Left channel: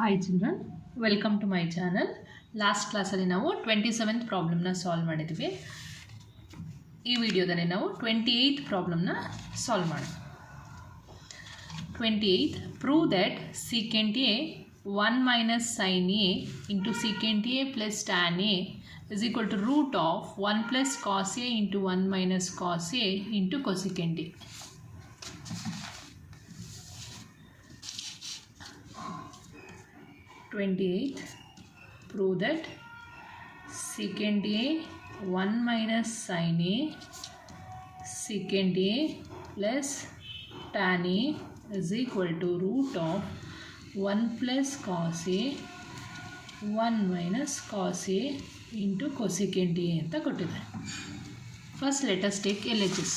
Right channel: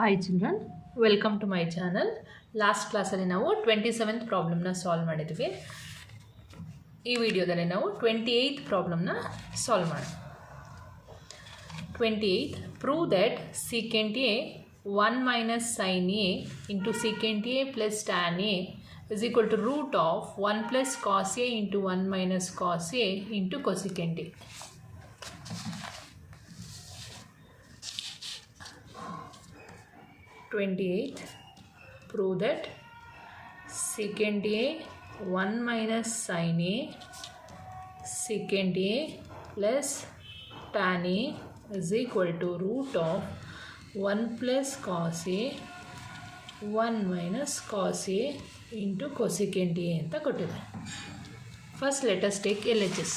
Hi children, welcome to my channel. Last class ಅಲ್ಲಿ ನಾವು 27th problem ನ solve ಮಾಡಿದ್ವಿ. ಈ ವಿಡಿಯೋದಲ್ಲಿ ನಾವು 28th ಪ್ರಾಬ್ಲಮ್ ನ ಸಾಲ್ವ್ ಮಾಡೋಣ. 28th, prove that secant a 1 minus sin a into secant a plus tan a is equal to root of 1 plus cos a into 1 minus cos a into cosecant a. Prove that secant a 1 minus sin a secant a plus tan a is equal to root of 1 plus cos a 1 minus cos a into cosecant a ಅಂತ ಕೊಟ್ಟಿದ್ದಾರೆ. First let us take LHS.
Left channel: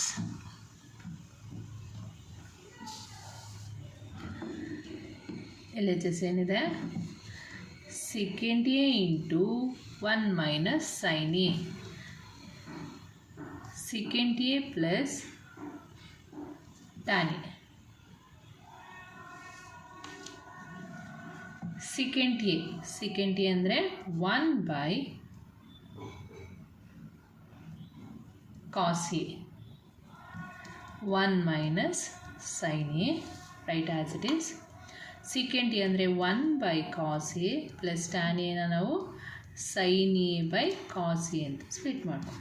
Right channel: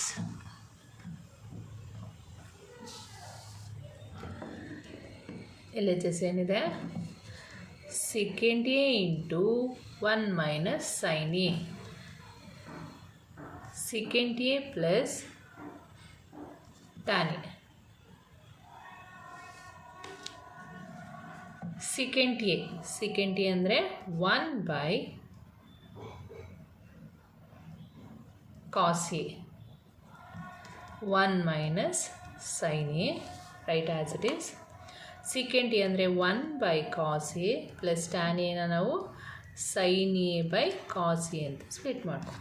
LHS ಏನಿದೆ? secant a into 1 minus sin a secant a plus tan a secant a ಅಂದರೆ 1 by cos a 1 minus sin a, write as it is. secant a ಅಂದರೆ 1 by cos a plus tan a ನ ನಾವು sin a by cos a ಅಂತ split ಮಾಡ್ತೀವಿ.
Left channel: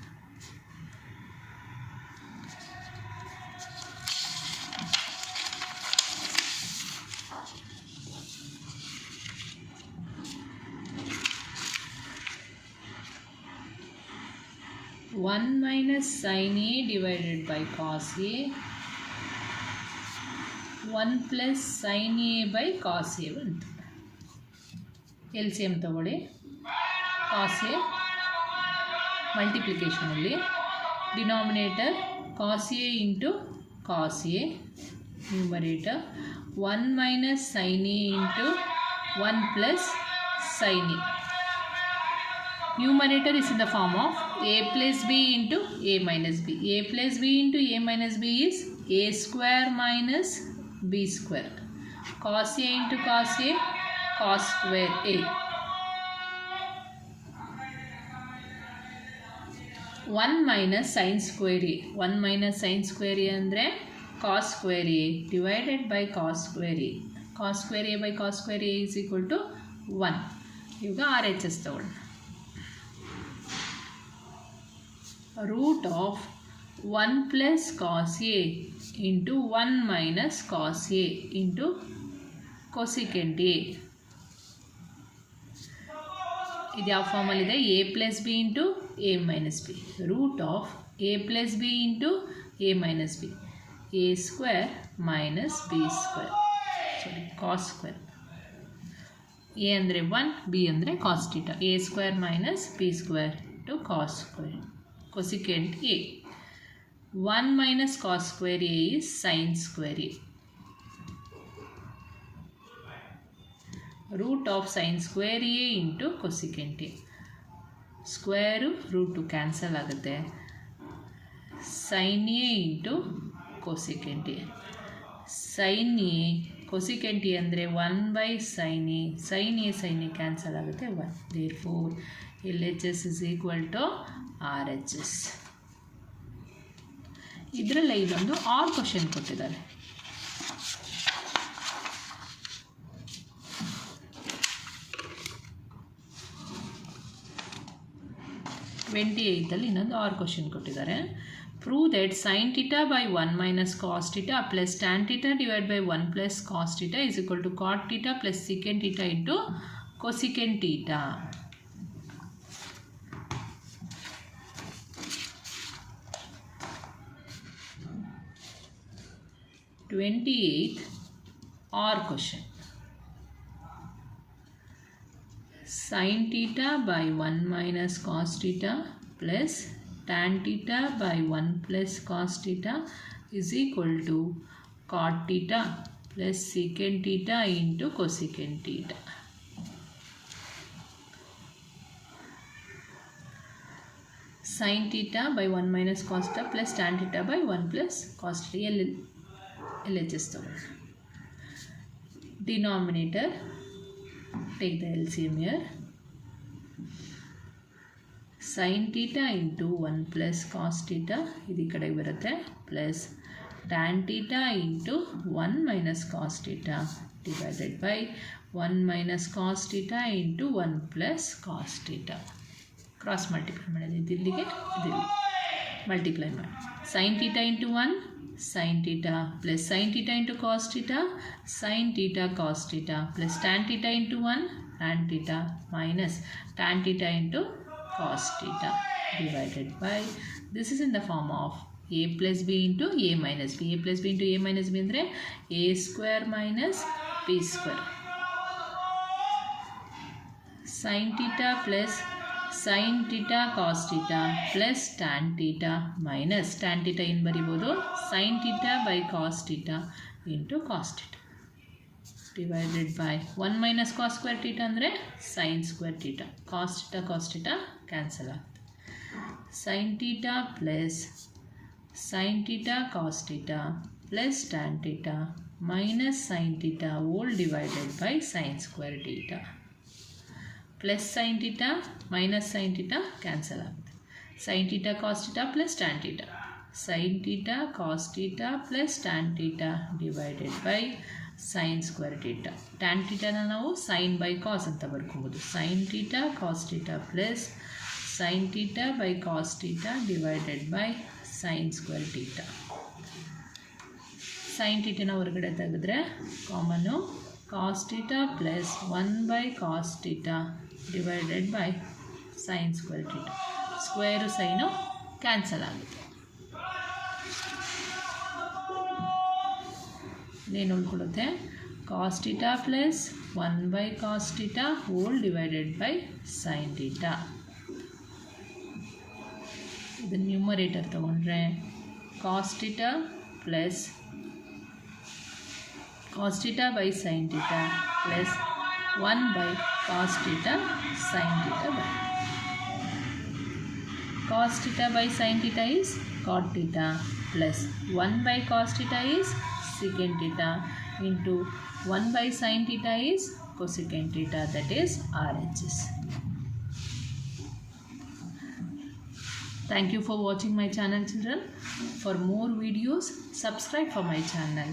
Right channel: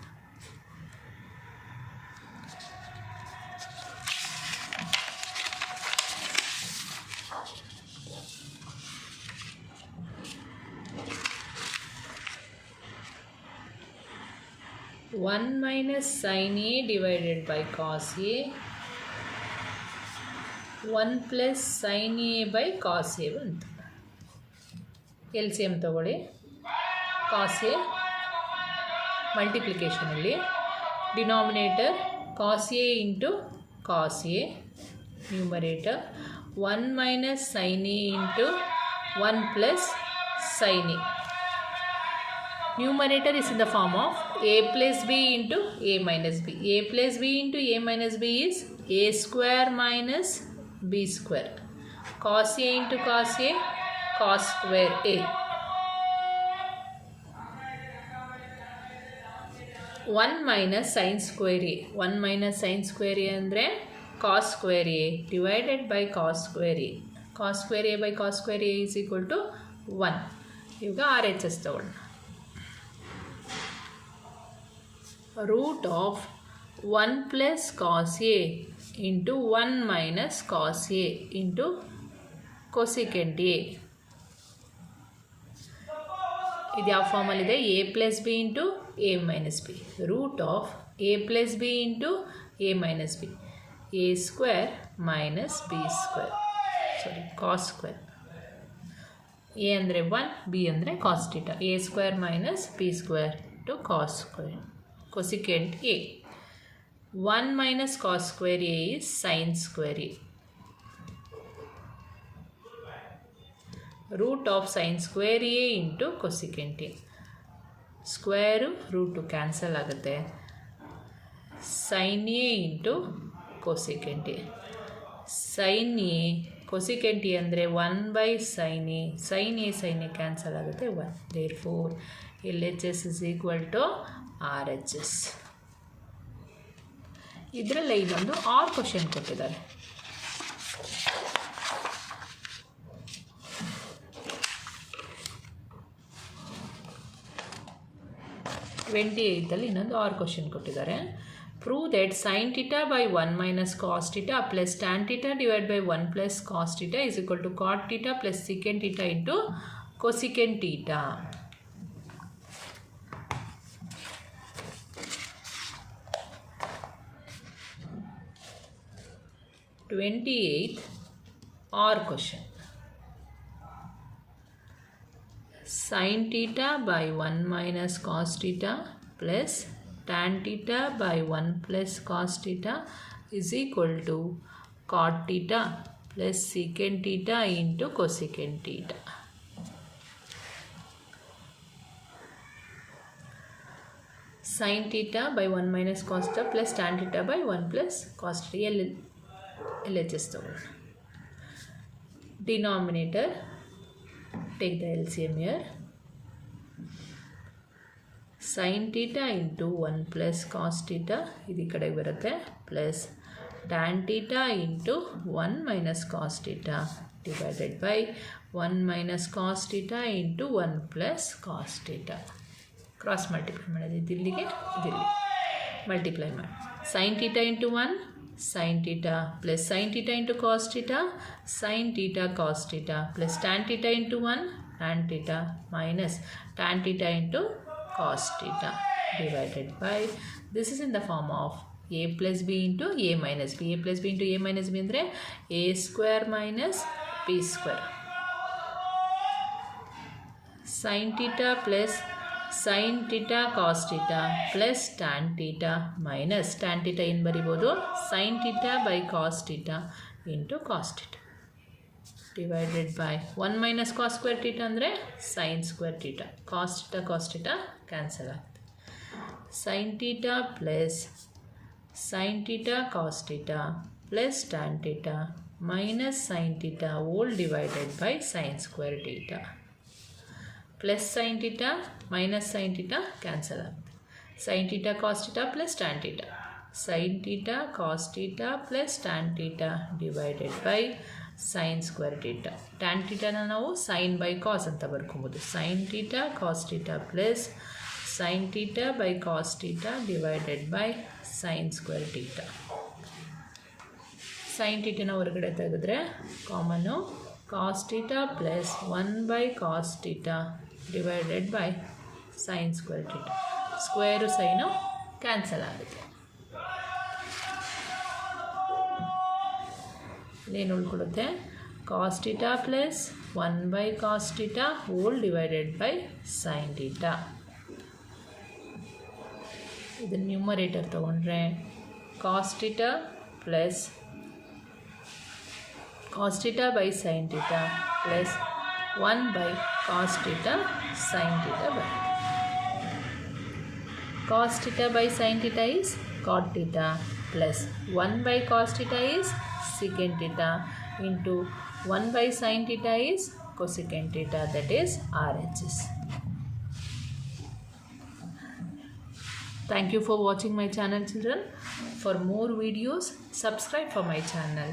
One minus sin a divided by cos a 1 plus sin a by cos a ಬಂತು. LCM ತಗೊಳ್ಳಿ. cos a ಮಲ್ಟಿಪ್ಲಿಕೇಶನಲ್ಲಿ denominator cos a into cos a, numerator 1 minus sin a into 1 plus sin a. Numerator is in the form of a plus b into a minus b. A plus b into a minus b is a square minus b square. Cos a into cos a, cos square a. 1 minus sin square a. 1 minus sin square a ಅಂದರೆ cos square a divided by cos square a. Cos square a by cos square a is equal to 1. ಈಗ RHS ತಗೊಳ್ಳೋಣ. root of 1 plus cos a into 1 minus cos a into cosecant a. ಇದು ಯಾವ ಫಾರ್ಮಲ್ಲಿದೆ? a plus b into a minus b. root of a plus b into a minus b. a square minus b square. sorry, cos square. a ಅಂದರೆ 1, b ಅಂದರೆ cos theta. a square minus b square to cos square. cosecant a. 1 minus cos square a is sin square a. root of sin square a into cosecant a. Square root cancel ಆಗುತ್ತೆ. sin a into cosecant a. sin a cosecant a ಅಂದರೆ 1 by sin a. sin a cancel ಆಗುತ್ತೆ 1. therefore LHS is equal to RHS. ಇದರಲ್ಲೇ ಇನ್ನೊಂದು R question ಕೊಟ್ಟಿದ್ದಾರೆ. ಅಲ್ಲಿ ಇನ್ನೊಂದು R question ಕೊಟ್ಟಿದ್ದಾರೆ. Prove that sin theta by 1 minus cos theta plus tan theta divided by 1 plus cos theta is equal to cot theta plus secant theta into cosecant theta. or question. Sin theta by 1 minus cos theta plus tan theta by 1 plus cos theta is equal to cot theta plus secant theta into cosecant theta. Sin theta by 1 minus cos theta plus tan theta by 1 plus cos theta. LHS ತಗೊಳ್ಳೋಣ. denominator take the LCM here. Sin theta into 1 plus cos theta ಇದು ಈ ಕಡೆಗೆ ಬರುತ್ತೆ plus tan theta into 1 minus cos theta divided by 1 minus cos theta into 1 plus cos theta. Cross multiply ಮಾಡೋದು ಇದಿಲ್ಲಿಗೆ ಇದಿಲ್ಲಿ multiply ಮಾಡಿ sin theta into 1 sin theta plus sin theta into cos theta sin theta cos theta plus tan theta into 1 tan theta minus tan theta into cos theta divided by this is in the form of a plus b into a minus b. A plus b into a minus b ಅಂದರೆ a square minus b square. sin theta plus sin theta cos theta plus tan theta minus tan theta ಏನು ಬರಿಬೋದು sin theta by cos theta into cos theta divided by 1 minus cos square theta ಅಂದರೆ sin square theta. cos theta cancel ಆಗುತ್ತೆ. sin theta plus sin theta cos theta plus tan theta minus sin theta whole divided by sin square theta plus sin theta minus sin theta cancel ಆಗುತ್ತೆ. sin theta cos theta plus tan theta sin theta cos theta plus tan theta divided by sin square theta. tan theta ನಾವು sin by cos ಅಂತ ಬರ್ಕೊಬೋದು. sin theta cos theta plus sin theta by cos theta divided by sin square theta. sin theta ನ ಹೊರಗಡೆ ತೆಗೆದ್ರೆ ಕಾಮನ್ನು cos theta plus 1 by cos theta divided by sin square theta. Square sine cancel ಆಗುತ್ತೆ. ಏನು ಉಳ್ಕೊಳ್ಳುತ್ತೆ cos theta plus 1 by cos theta whole divided by sin theta. ಇದನ್ನು numerator ತಗೊಂಡ್ರೆ cos theta plus cos theta by sin theta plus 1 by cos theta sin theta ಬರುತ್ತೆ. cos theta by sin theta is cot theta plus 1 by cos theta is secant theta into 1 by sin theta is cosecant theta, that is RHS. Thank you for watching my channel, children. For more videos, subscribe for my channel.